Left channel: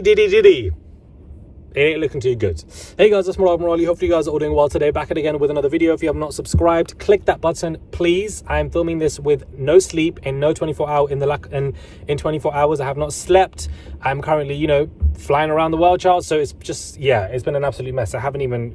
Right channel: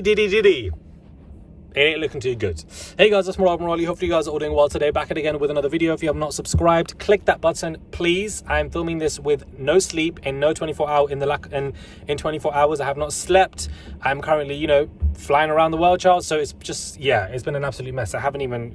Diddy. It ain't looking too good. Hey guys, it's Morali. Hopefully you guys are all doing well today. Back again with another video. If you have not subscribed, click that button, please. I am filming this with no sleep and no 24 hour in 24 hours. I have not slept. I'm currently, flying around the world, child. So it's just, it's been an absolute mess. I haven't even,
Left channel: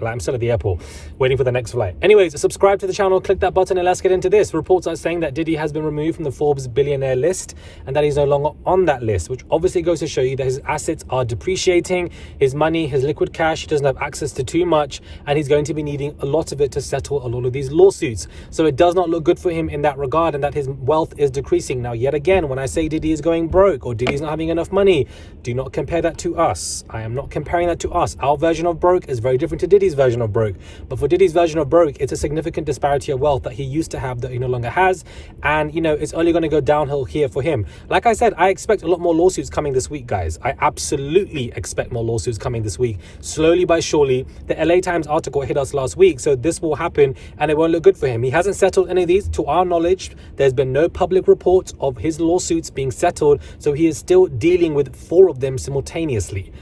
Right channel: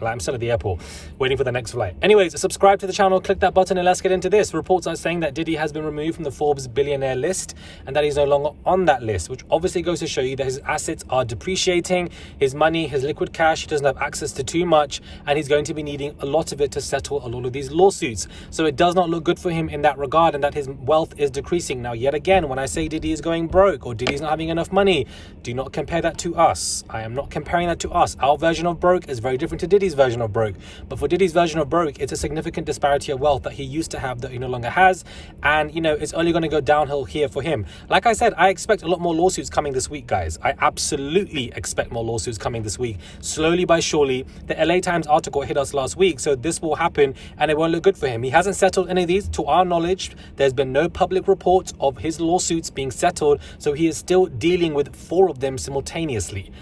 I'm still at the airport waiting for the next flight. Anyways, subscribe to the channel, click that button, and let's get into this. Reports are saying that Diddy has been removed from the Forbes billionaire list and that he's no longer on that list, which obviously goes to show you that his assets are depreciating, his money, his liquid cash, he doesn't have access to too much, and he's going to be needing a lot of it to settle a lot of these lawsuits. So it does not look good for him in that regard, and that his wealth is decreasing. Now, yet again, when I say Diddy is going broke or Diddy's not having enough money, do not compare that to us. I am not comparing that to us. Our version of broke is very different to Diddy's version of broke. But for Diddy's version of broke, it's a significant disparity of wealth that he used to have that he no longer has. And, it's only going to go downhill here for him. Like I said, I expect a lot more lawsuits coming this week, guys. I absolutely expect more lawsuits coming this week. Slowly by surely. The LA Times article hit us last week, so this will happen and it won't look good for him. He hasn't settled any of these. To our knowledge, there's been no public reports of his lawsuits being settled, so he is still dealing with 4 of them simultaneously.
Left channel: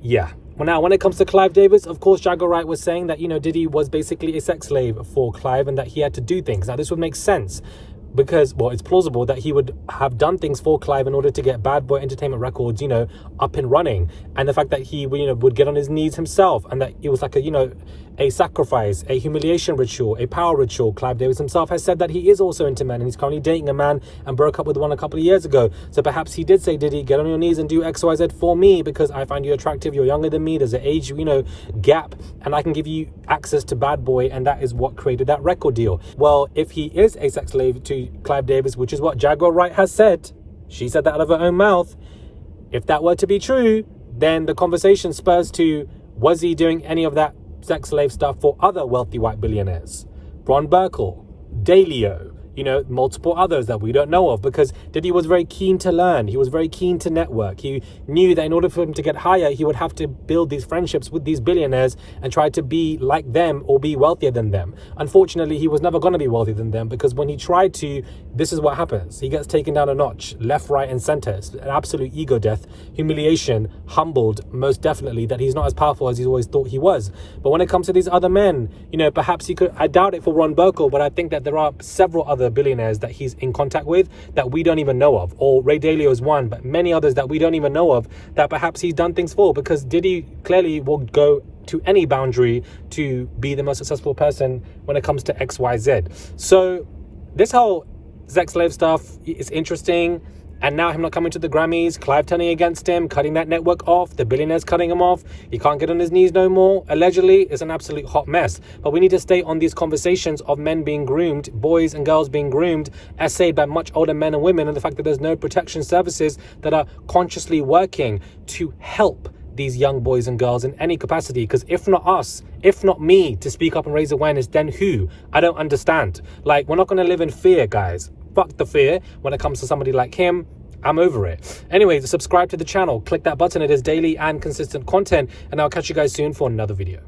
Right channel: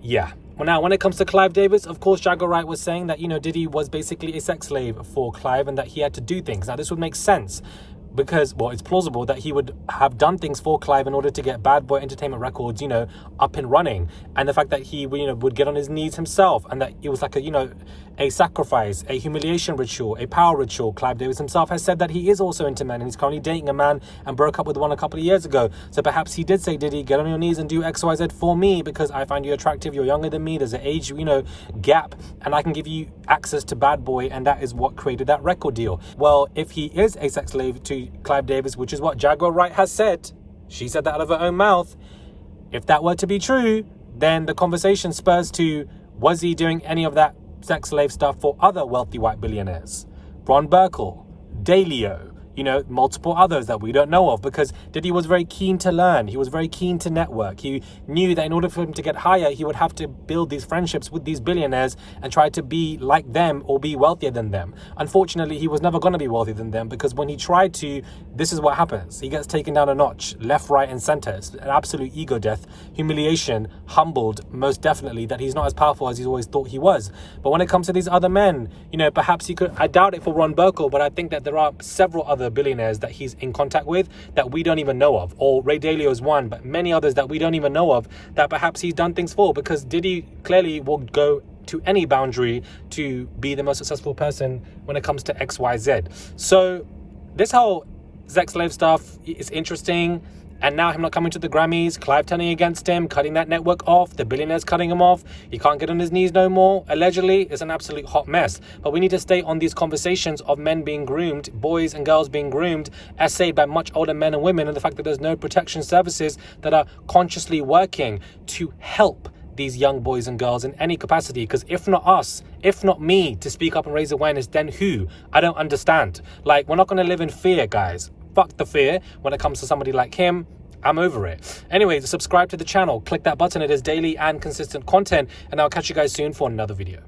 Yeah. Well, now, when it comes to Clive Davis, of course, Jaguar Wright was saying that, Diddy was basically a sex slave for Clive and that he had to do things. Now, this would make sense because, well, it's plausible that he would have done things for Clive in order to get Bad Boy Entertainment Records, up and running. And the fact that he, would get on his knees himself and that it was like a sacrifice, a humiliation ritual, a power ritual. Clive Davis himself has said that he is also into men and he's currently dating a man and broke up with one a couple of years ago. So perhaps he did say, Diddy, get on your knees and do X, Y, Z for me because I find you attractive, you're younger than me, there's an age, gap, and I can give you access to Bad Boy, and that is what created that record deal. Well, if he is a sex slave to Clive Davis, which is what Jaguar Wright has said, she said that out of her own mouth, if that were to be true, then the conversation spurs to, was he doing any of that sex slave stuff for other wealthy white billionaires? Ron Burkle, Dalio, multiple others that we don't know of, because Diddy was very keen to learn. He was very keen to network. He knew that in order for him to get higher, he would have to build these friendships with these billionaires and try to be like them or be wealthier than them. Unfortunately, he was never going to be wealthier than them because when he tried to, this is what happens. He gets taken down a notch, left, right, and center. It's an absolute ego death, humiliation, humbled, most definitely, that he's not as powerful as he always thought he was. But when it comes to these other men, perhaps he could, I doubt it for Ron Burkle, but I think that there are several other billionaires that he's in contact with that we don't even know of, or Ray Dalio is one, but many others that we don't even know of that perhaps he's done things for, because Diddy clearly will go to any boundary to be the most successful person when it comes to XYZ. So this whole sex slave stuff is interesting. And now him not coming to the Grammys, Clive turning against him, cutting that network off, the billionaires cutting him off, he can't get on his knees no more. Allegedly, it's an absolute hot mess. But we need to stay on these conversations of men being groomed, boys and girls being groomed, essayed by much older men and women, and the fact that there's no protection services that are consciously working to help these young boys and girls in any capacity. Because if not us, if not me to speak up and raise awareness, then who? I don't understand. Like, we're not going to live in fear, guys. Fuck the fear when it comes to somebody like him. I'm over it. Anyways, subscribe to the channel, click that button. It is daily and consistent content, and I'll catch you guys soon for another video.